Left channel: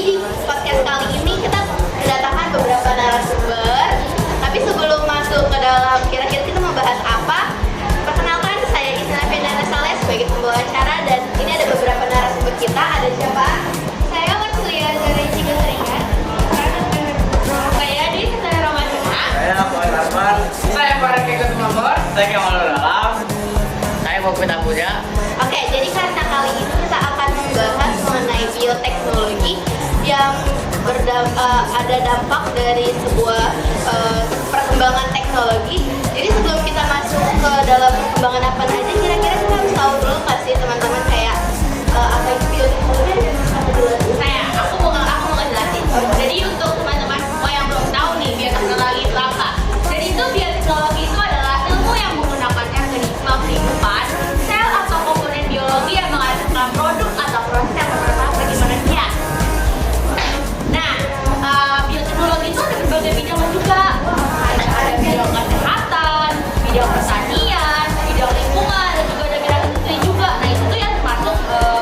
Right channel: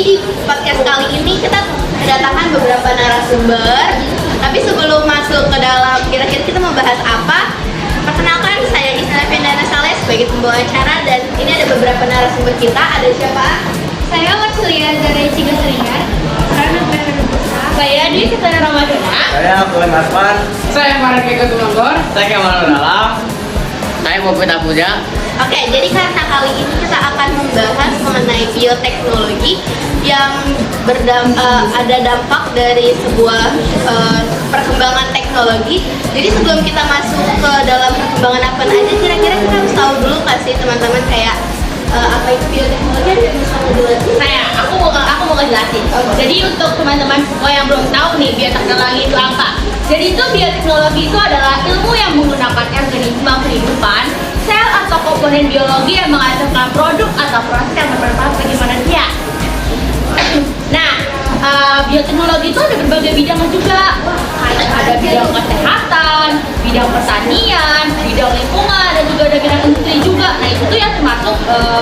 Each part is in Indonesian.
di podcast kali ini kita kedatangan beberapa narasumber. Tapi sebelum masuk ke dalam kira-kira kita mau bahas apa, perkenalkan saya Isna Pendana Saleh sebagai pembawa acara dan ini ada beberapa narasumber kita. Ada siapa? Saya Waslia dari Cigaseringan. Saya Dwi Kesana Ramadana. Saya Fuad Asman. Saya Marek Ketulanggor. Saya Kamal Dalam. Saya Mufid Apuja. Oke, jadi karena kali ini kita akan membahas mengenai bioteknologi yang ada dampak dari sebuah perkembangan teknologi. Jadi sebelum kita masuk ke dalam perkembangan apa aja, kira-kira kita harus tahu dulu nggak sih teman-teman kayak apa itu bioteknologi? Aku mau ngejelasin. Jadi untuk teman-teman semua yang belum tahu nih bioteknologi itu apa? Jadi itu bioteknologi itu adalah ilmu yang menggunakan organisme kehidupan, sel atau komponen biologi yang menghasilkan produk atau proses yang bermanfaat bagi manusia. Nah, bioteknologi itu ada berbagai bidang juga. Ada bidang kesehatan, bidang pertanian, bidang lingkungan, dan juga ada bidang industri juga. Nah itu tuh yang termasuk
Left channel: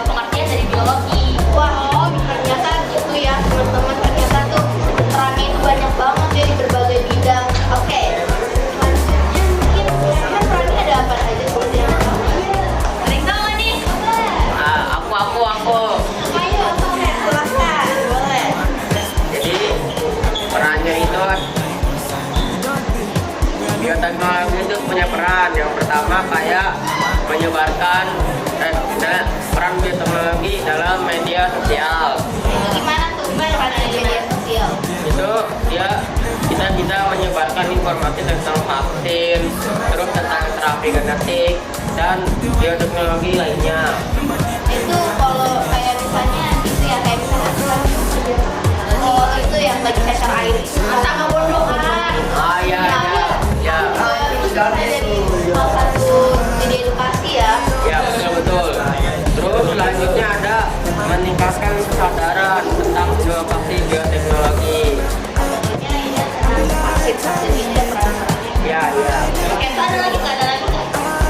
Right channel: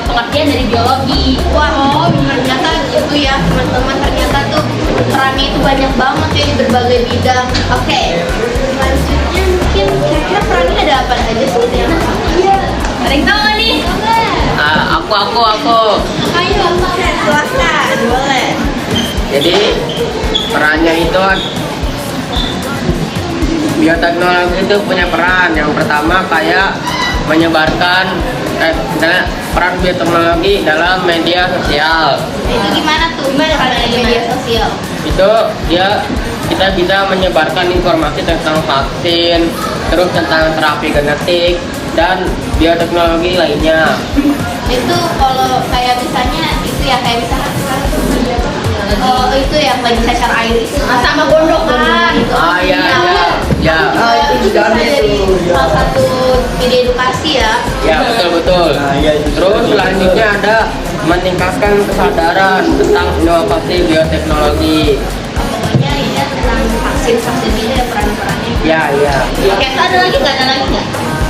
pengertian dari biologi. Wah, ternyata gitu ya teman-teman, ternyata tuh perannya itu banyak banget ya di berbagai bidang. Oke, selanjutnya mungkin kira-kira perannya ada apa aja sih? Ada yang tahu nggak nih? Aku. Ayo, silakan, boleh. Jadi perannya itu bioteknologi itu punya peran. Yang pertama kayak menyebarkan peran bioteknologi dalam media sosial. Jadi gimana tuh? Gimana perannya di media sosial? Itu kita bisa menyebarkan informasi tentang vaksin, terus tentang terapi genetik dan bioteknologi lainnya. Itu kalau kayak misalnya itu ya kayak misalnya itu yang lagi cacar air itu Sama gondokan. Ya. itu juga jadi salah satu media edukasi ya. Ya, betul. Terus selanjutnya ada meningkatkan kesadaran tentang inovasi bioteknologi. Ya, iya tentang vaksin ini ada peran-perannya. Ya. Oke, ada lagi nggak?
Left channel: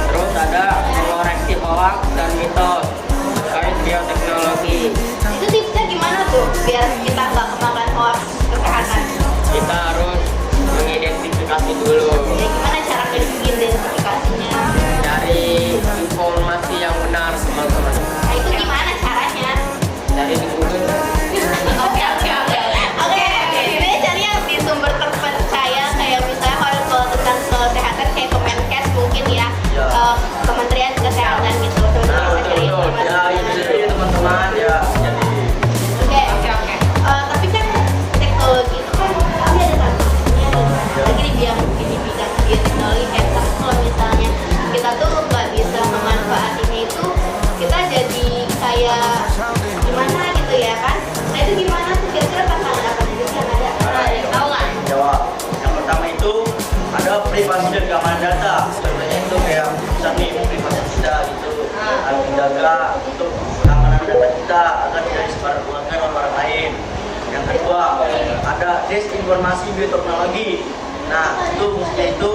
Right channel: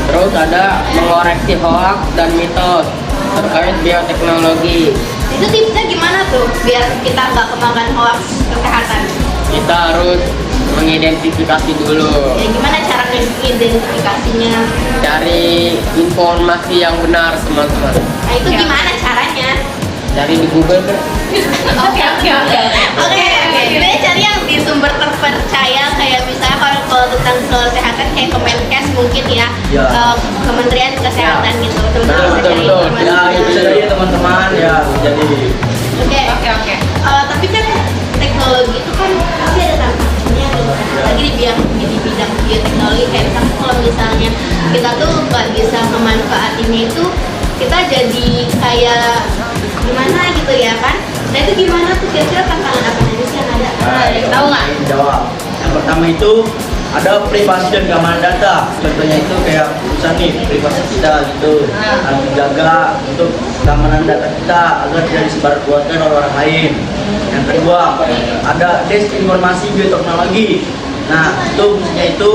Terus ada mengoreksi hoax dan mitos terkait bioteknologi. Itu tipsnya gimana tuh biar kita nggak kemakan hoax kesehatan? Kita harus mengidentifikasi dulu Ya, gimana cara identifikasinya? dari informasi yang benar, teman-teman. Nah itu gimana caranya? Dari di Google. Oke. Oke, sebenarnya cari yang di sumber terpercaya kayak misalnya kalau tentang kesehatan kayak Kemenkes mungkin ya, Ya. Kementerian Kesehatan gitu. Betul. Ya, itu jadi teman-teman ya. Jadi Oke. Tapi kan teknologi itu kan pasti ada sanksinya, lagi di bidang bioteknologi kayak misalnya kalau misalnya kita tuh nggak bisa memanfaatnya itu kita jadi kayak gimana gitu ya kan? Nah itu gimana tuh kira-kira tantangan apa aja sih yang ada? Ada yang tahu nggak? Jawab. Yang pertama itu ada privasi dan keamanan data. Contohnya itu kayak misalnya nih privasi kita gitu, harus dijaga untuk keamanan data kita agar tidak disebarluaskan oleh orang lain. Yang kedua ada desinformasi bioteknologi. Nah itu fungsinya itu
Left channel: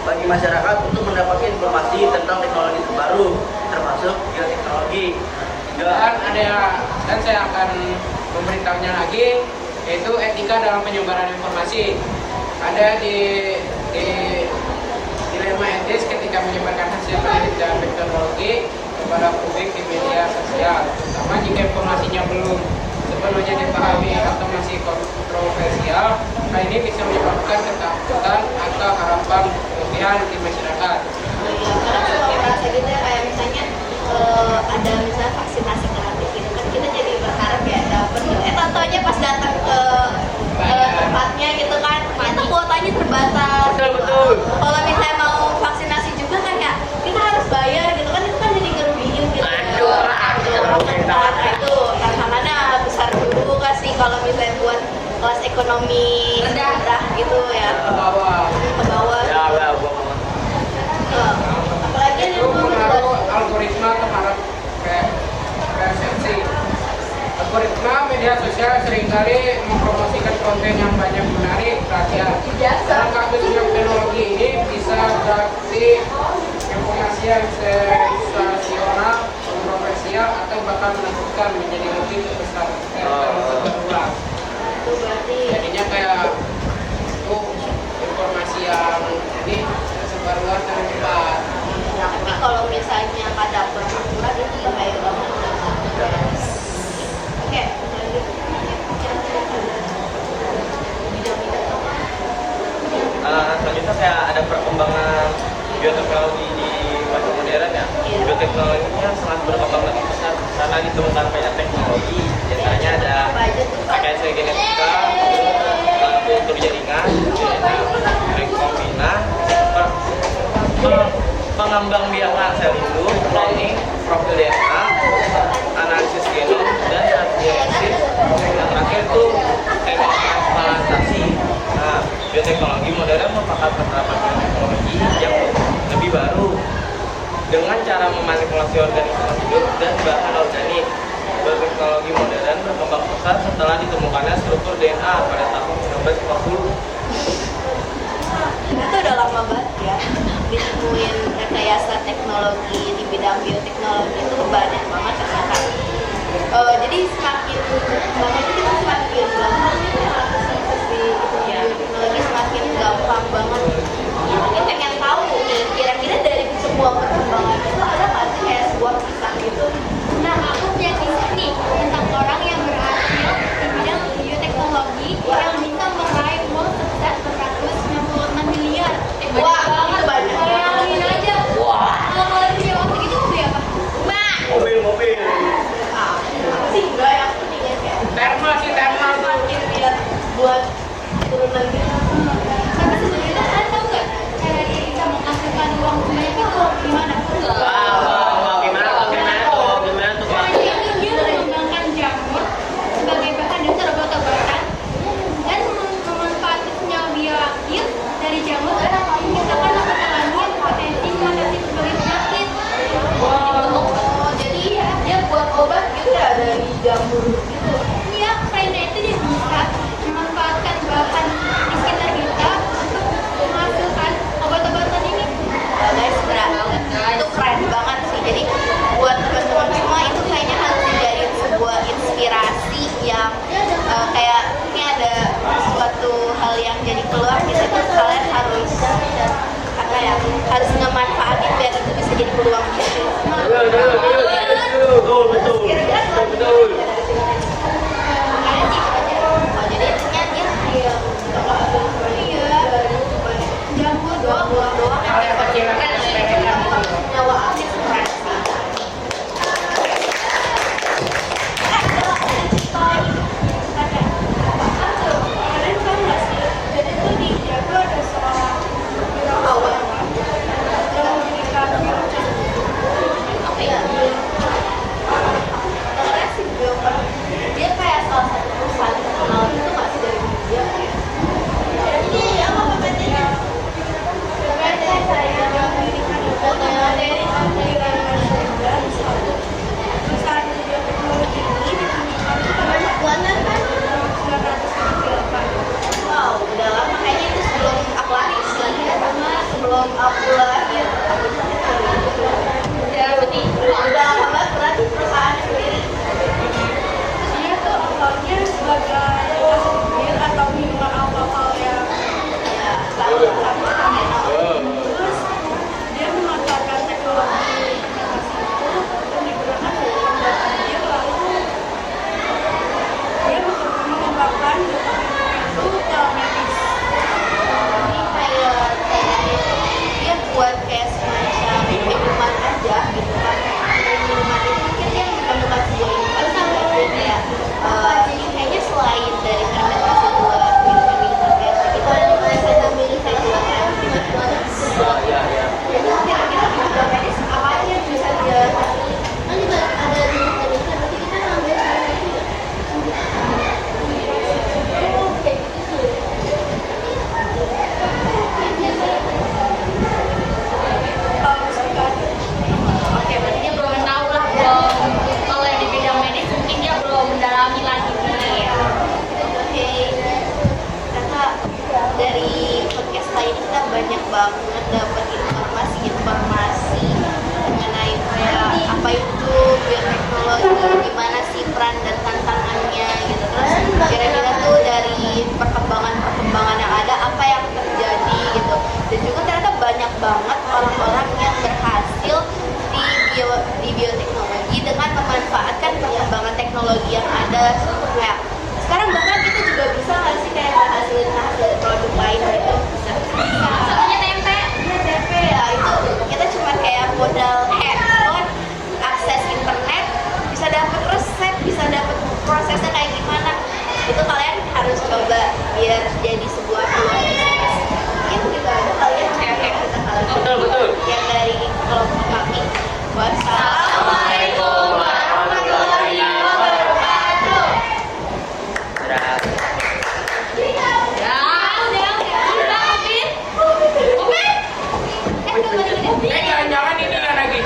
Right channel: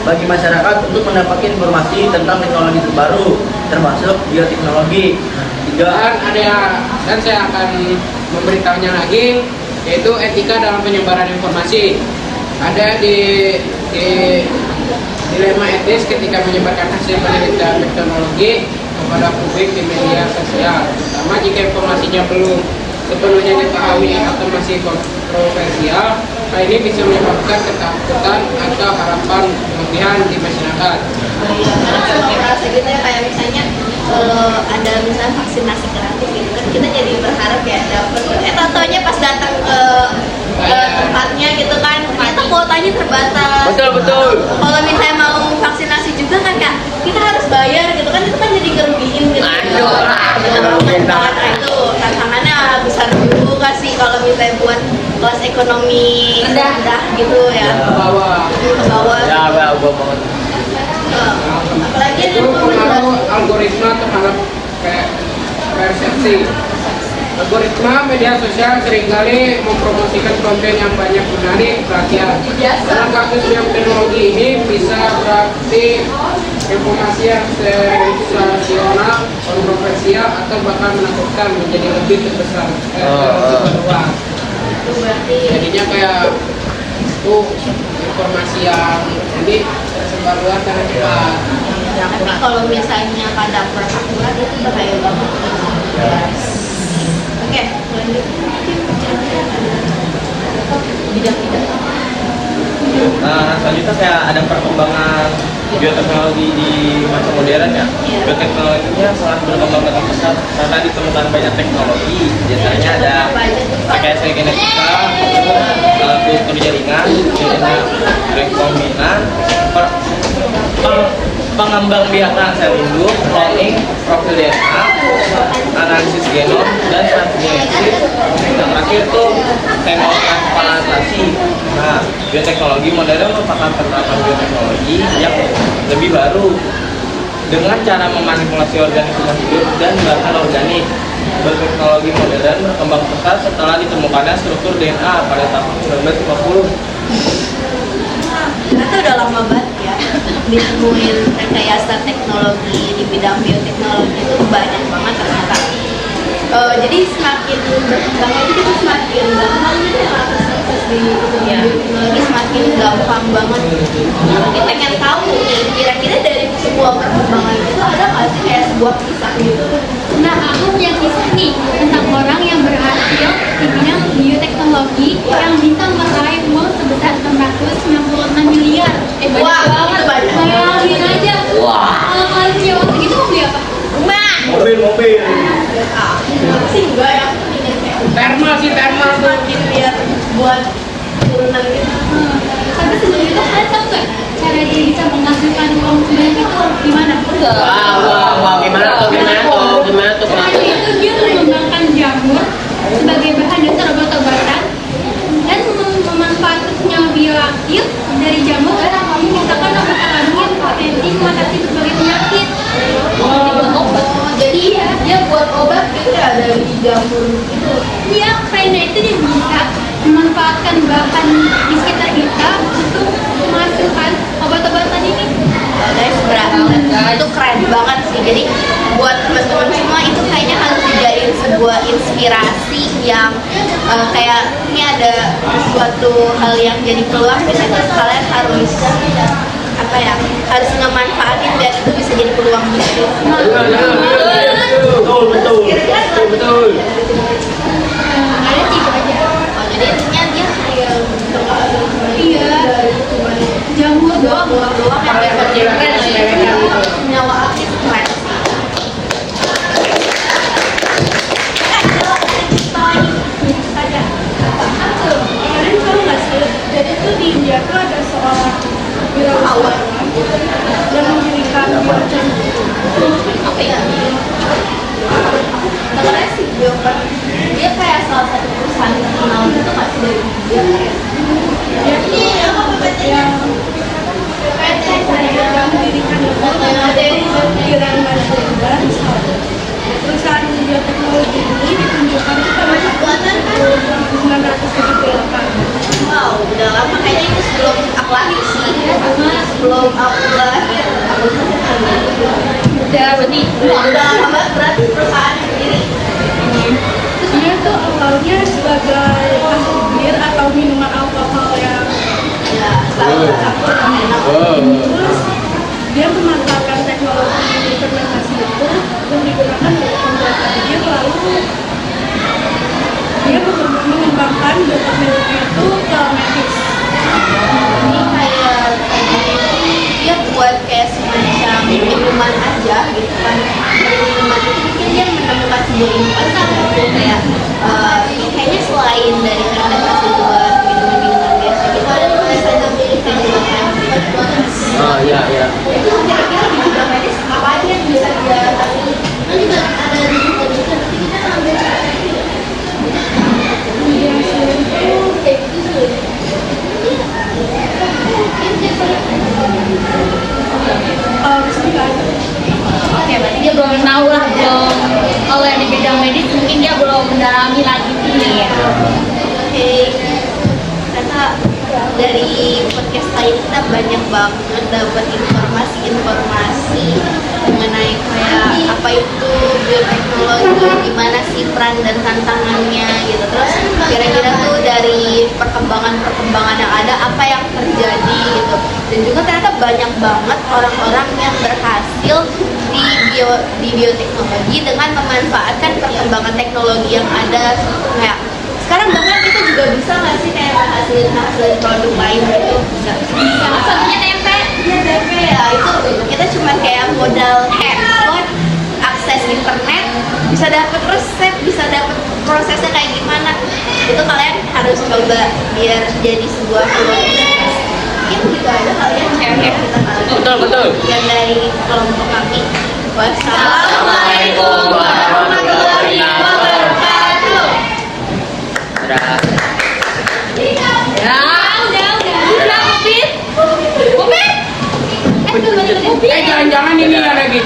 bagi masyarakat untuk mendapatkan informasi tentang teknologi terbaru termasuk bioteknologi. Dan saya akan memberitahunya lagi, yaitu etika dalam penyebaran informasi. Ada di dilema etis ketika menyebarkan hasil penelitian teknologi kepada publik di media sosial, terutama jika informasinya belum sepenuhnya dipahami atau masih kontroversial. Hal ini bisa menyebabkan ketakutan atau harapan berlebihan di masyarakat. Merasa gitu ya kayak misalnya ada misalnya vaksinasi gratis gitu kan kita jadi berharap ya dapet. Tau-taunya pas datang ke tempatnya gitu kan ternyata kuotanya terbatas. betul. Kalau misalnya mau vaksinasi juga kan kak kita harus bayar gitu kan itu kan jadi ngerugiin gitu. Nah itu tantangannya besar dulu gak sih kalau misalnya buat kelas ekonomi rendah gitu ya. Ke bawah. Ke bawah. Ya, gua banget. Apalagi Itu pengaruh algoritma terhadap kayak persepsi. Algoritma media sosial seringkali mempromosikan konten yang banyak menarik perhatian. Dalam kasus bioteknologi ini bisa berarti informasi yang sensasional kontroversial atau bakal menakutkan menjadi lebih terbesar ruang. Itu berarti Jadinya kayak itu informasi yang jadi tersebar luas secara cepat. ya, tapi kalau misalnya kadang berakhirat itu bahaya banget. Oke, lanjut. Bidang-bidang apa? Selanjutnya kayak ada perkembangan bioteknologi di masa modern ya. Bioteknologinya sangat berkembang dengan pesat karena ditemukan banyak teknologi. Biasanya ada rekayasa genetika, kultur jaringan, rekombinan, pengembang biakan sel induk, cloning, profil DNA, analisis genom, dan transgenesis. Yang terakhir itu kemotransplantasi. Nah, bioteknologi modern merupakan penerapan bioteknologi yang lebih baru dengan cara memanipulasi organisme hidup dan bahan organik. Bioteknologi modern berkembang pesat setelah ditemukannya struktur DNA pada tahun 1950. Ternyata udah lama banget ya ditemuin rekayasa teknologi di bidang bioteknologi itu banyak banget ternyata. Jadi semakin berkembangnya itu kita semakin gampang gitu ya akses di bioteknologi semakin gampang banget. Kita pengen tahu kira-kira dari sebuah perkembangan itu ada nggak sih kayak sebuah kisah gitu? Nah, aku punya kisah nih tentang orang yang berhasil di bidang bioteknologi yang bisa meraih uang sebesar 696 miliar. Banyak Wah, banget. banyak. Bayangin aja. Wah, uang segitu mau beli apa? Rumah. Mobil. Sih enggak yang ini kayak Thermal tuh. semakin biar buat turunan gitu. Tapi sebelum itu kalian tahu nggak cara dia bisa menghasilkan uang sebanyak itu gimana? Wah, gimana tuh? Waktu itu dia mengembangkan jamur sebagai bahan dasar obat-obatan dan memanfaatkan senyawa bioaktif dari jamur dan menciptakan obat alami yang potensi mematikan sebagai penyakit. Buat obat. Jadi dia buat obat gitu ya dari jamur gitu. Iya, karena itu dia bisa memanfaatkan bahan di sekitar kita untuk menghasilkan obat-obatan ini. Ya, guys, itu keren banget sih. Jadi buat teman-teman semua itu kayaknya harus dijadiin sebuah inspirasi yang kayak ini ada suatu hal yang jadi peluang, jadi kalian harus apa ya, harus ngemanfaatin biar itu bisa jadi peluang bisnis. Betul. Ada sih kerja. Oh, jadi intinya dia kayak Iya, jamur doang. doang yang Keren lah ya. nyawa aktif keren. Kalian tahu nggak sih? Jadi tuh di India tuh ada seorang wirausahawan yang mendirikan Apa ya? Namanya si Bioper. Dia kayak salah satu perusahaan terkenal gitu masih dari India kayak. yang mendirikan itu Kiran Mazda. Perusahaan bioteknologi ini ditunjukkan tuh pada tahun 1978. Wow, udah lama kayaknya itu sebelum aku lahir sih. Sebelum aku lahir, aku Udah berarti udah lama banget berarti perusahaan sendiri. Dia tuh awalnya sebagai asli bir atau minuman alkohol yang Ya, selalu enak. terus dia memanfaatkan teknologi fermentasi itu yang digunakan untuk pembuatan bir, lalu dia mengembangkan bioteknologi itu ke medis. Ini kayak dia buat kayak semacam minuman aja gitu kan. Dari minuman itu mungkin dia menemukan sebuah inovasi gitu kayak kayaknya selain dari fermentasi buat minuman biasa gitu ada tuh bisa digunakan Oh iya. itu kira-kira di bidang medis apa aja yang bisa dia kasih. Dia itu Oke, berarti dia belum tahu lah, belum. Kalau yang di bidang medis mungkin dia belum mendalami lagi sih ya. Oke, ternyata dari podcast kali ini kita banyak banget dapat informasi-informasi mengenai kayak apa apa itu bioteknologi, gimana sih peran dan tantangannya gitu. Terus kira-kira tuh dari perkembangan yang ada apa yang terjadi gitu. Dan juga ternyata banyak banget orang-orang yang berhasil di bioteknologi dengan memanfaatkan perkembangan teknologi yang ada. Kayak sekarang bahkan kita juga bisa nggak sih kayak hasil produk lain gitu, bisa. Salah satunya tempe. Iya DP ya, itu kita cuma kayak modal handphone, akses internet, bisa dapet resep, bisa dapet prosesnya kayak gimana. Itu kalian harus coba biar jadi sebuah peluang bisnis. Mungkin gitu aja kalian Oke. kita kali. Betul. Yang dari kelompok kami. Assalamualaikum warahmatullahi wabarakatuh. Ya, udah, Mupit. jangan-jangan ini ya lagi.